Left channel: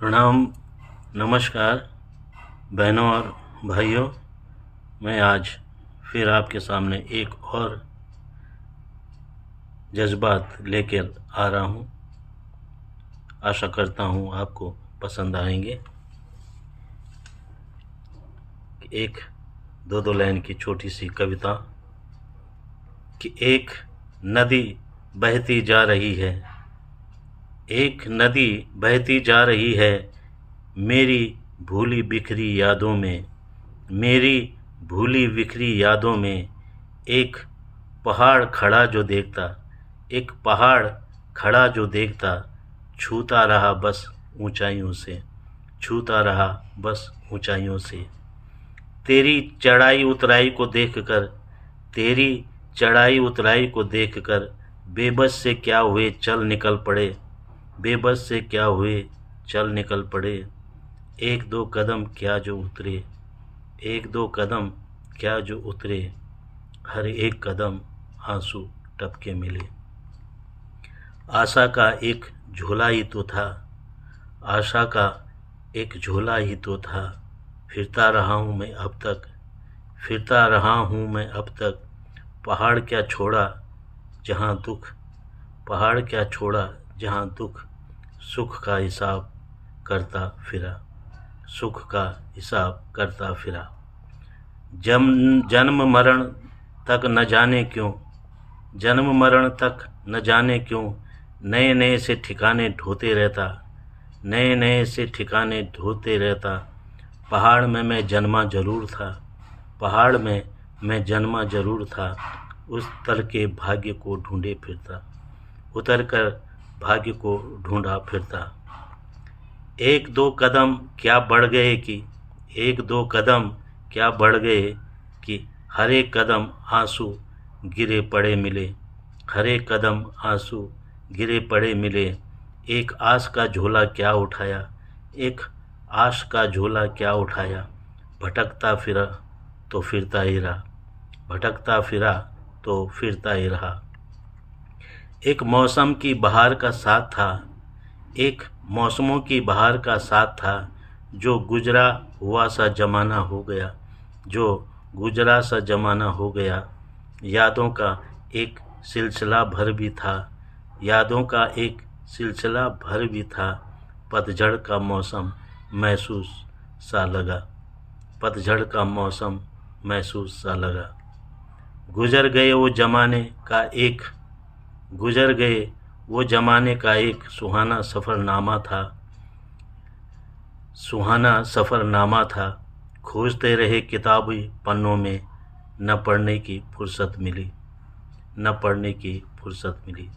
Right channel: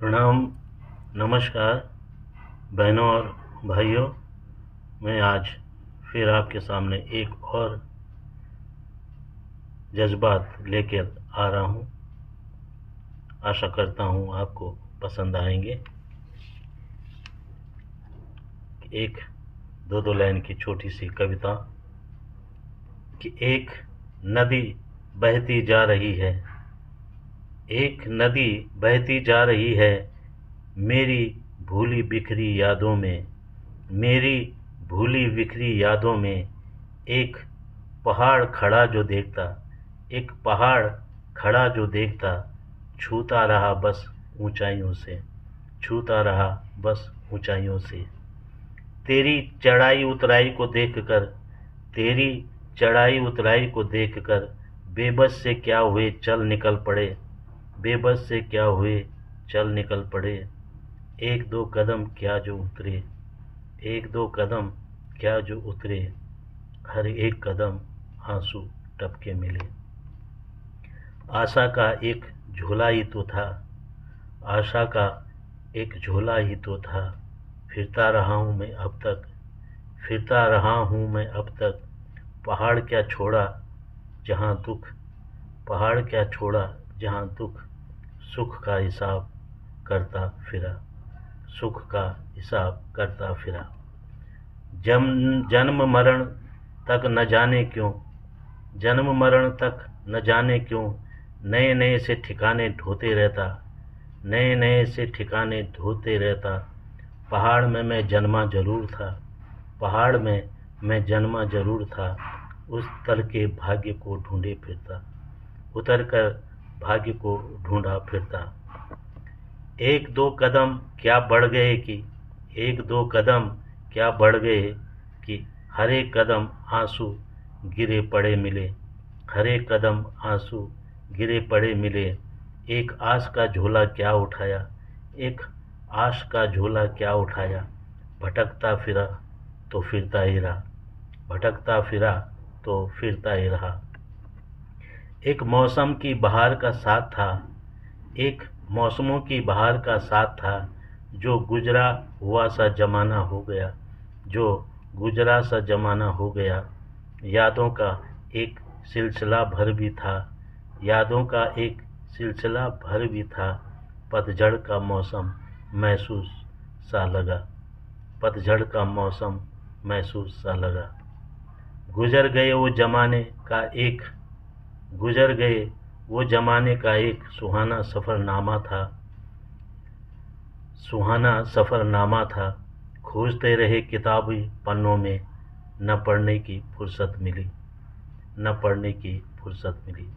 प्रणाम। नमस्कार बहनों और भाइयों। मैं आज फिर आपके सामने एक और जज्बात लेकर आ रहा हूँ। आशा करता हूँ आपको पसंद आएंगे। एक दो लाइन की छोटी सी कविता कि एक नदी बहती जा रही है, एक नदी बहती जा रही है मेरी भूली बिखरी यादों में, मेरी भूली बिखरी यादों में। एक पहाड़ खड़ा जो देखता, एक पहाड़ खड़ा जो देखता, छूता रहा बस ऊंचाइयों से, छूता रहा बस ऊंचाइयों से। तेरी चढ़ाई उतराई को देखकर, तेरी चढ़ाई उतराई को देखकर बेबस से क्या हुए चल निकल पड़े, बेबस से क्या हुए चल निकल पड़े। एक दो कदम क्या जो उतरे, एक दो कदम क्या जो उतरे, हर एक कदम आंसू टपके मिले। आशा का एक झोला ही तो था, आशा का एक झोला ही तो था, फिरता रहा हूँ मैं अब तक, फिरता रहा हूँ मैं अब तक। पहाड़ क्या छोड़ा जहाँ दुख, पहाड़ क्या छोड़ा जहाँ दुख, सुख का हिसाब करता फिरा, सुख का हिसाब करता फिरा। जन्म मरण तक न जाने क्यों, जन्म मरण तक न जाने क्यों, नए नए से ठिकाने ढोते रहता, नए नए से ठिकाने ढोते रहता। पहाड़ में मैं जन्मा जरूर था, पहाड़ में मैं जन्मा जरूर था, उस तल के भाग्य को ढूंढे फिरता, उतर कर भाग्य को ढूंढा फिरता। एक दो कदम क्या बढ़ गए कि, एक दो कदम क्या बढ़ गए कि, हर एक कदम आंसू गिरे पड़े मिले, हर एक कदम आंसू गिरे पड़े मिले। एक आस का झोला क्या उठाया, एक आश का झोला क्या उठाया, भटकता फिरा तो फिरता ही रहा, भटकता फिरा तो फिरता ही रहा। एक मौसम की बहार का साथ था, एक मौसमों की बहार का साथ था, जो गुजरा हुआ सा जमाना हो गया, जो गुजरा सा जमाना हो गया। यादों का एक सिलसिला भर भी था, यादों का एक सिलसिला भर भी था। पतझड़ का मौसम महसूस सा लगा, पतझड़ का मौसम महसूस सा लगा। गुजर गए वो जमाने का एक, गुजर गए वो जमाने का एक सुहाना सफ़रनामा था, सुहाना सफ़रनामा था। खोजते रहे किताबी पन्नों में, न पढ़ने की फुर्सत मिली, न पढ़ने की फुर्सत मिली।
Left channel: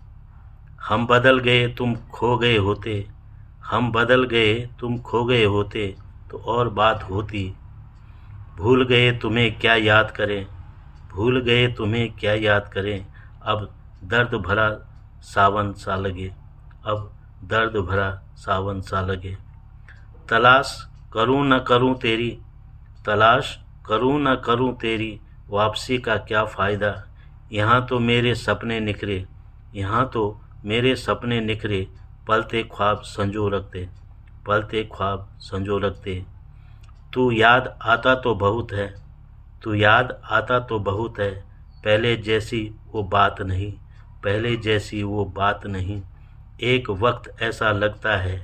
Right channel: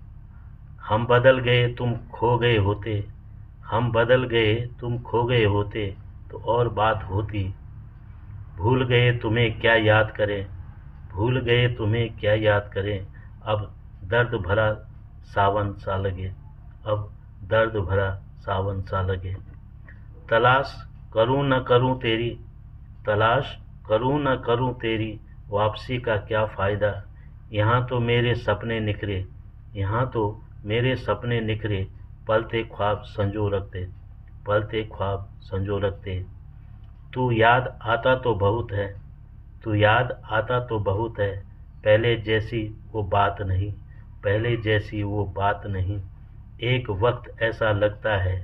हम बदल गए तुम खो गए होते, हम बदल गए तुम खो गए होते, तो और बात होती। भूल गए तुम्हें क्या याद करें, भूल गए तुम्हें क्या याद करें। अब दर्द भरा सावन सा लगे, अब दर्द भरा सावन सा लगे। तलाश करूं न करूं तेरी, तलाश करूं न करूं तेरी, वापसी का क्या फ़ायदा। यहाँ तो मेरे सपने निखरे, यहाँ तो मेरे सपने निखरे, पलते ख्वाब संजो रखते, पलते ख्वाब संजो रखते। तू याद आता तो बहुत है, तू याद आता तो बहुत है, पहले जैसी वो बात नहीं, पहले जैसी वो बात नहीं। एक वक्त ऐसा लगता है,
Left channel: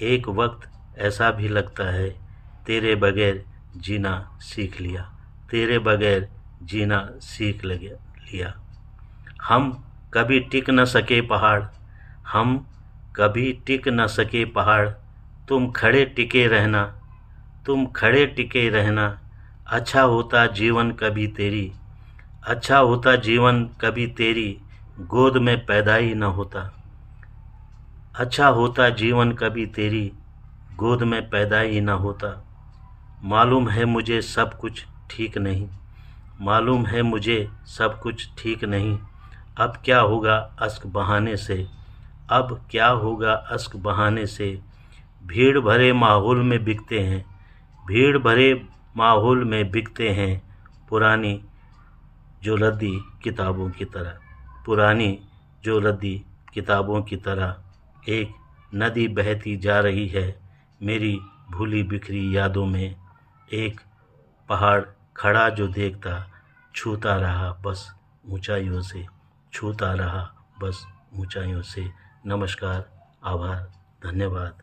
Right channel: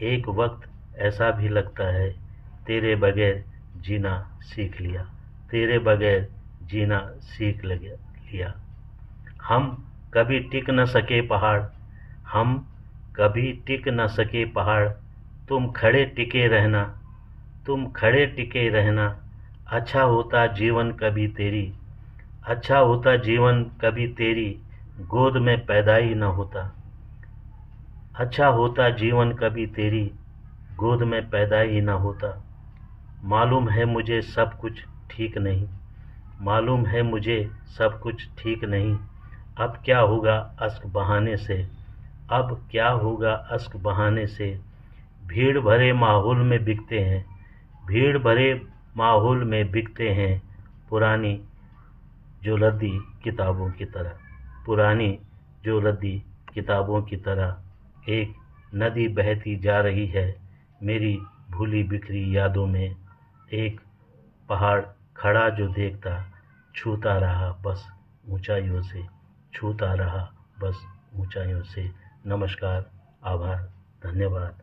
एक वक्त ऐसा भी लगता है, तेरे बगैर जीना सीख लिया, तेरे बगैर जीना सीख लिया। हम कभी टिक न सके पहाड़, हम कभी टिक न सके पहाड़, तुम खड़े टिके रहना, तुम खड़े टिके रहना। अच्छा होता जीवन कभी तेरी, अच्छा होता जीवन कभी तेरी, गोद में पैदा ही न होता। अच्छा होता जीवन कभी तेरी, गोद में पैदा ही न होता। मालूम है मुझे सब कुछ ठीक नहीं, मालूम है मुझे सब कुछ ठीक नहीं। अब क्या होगा अश्क बहाने से, अब क्या होगा अश्क बहाने से। भीड़ भरे माहौल में बिकते हैं, भीड़ भरे माहौल में बिकते हैं, पुरानी जो रद्दी किताबों की तरह, पुरानी जो रद्दी किताबों की तरह। एक नदी बहती जा रही है, मेरी भूली बिखरी यादों में एक पहाड़ खड़ा जो देखता, छूता रहा बस ऊंचाइयों से, छूता रहा बस ऊंचाइयों से। नमस्कार, आभार, धन्यवाद।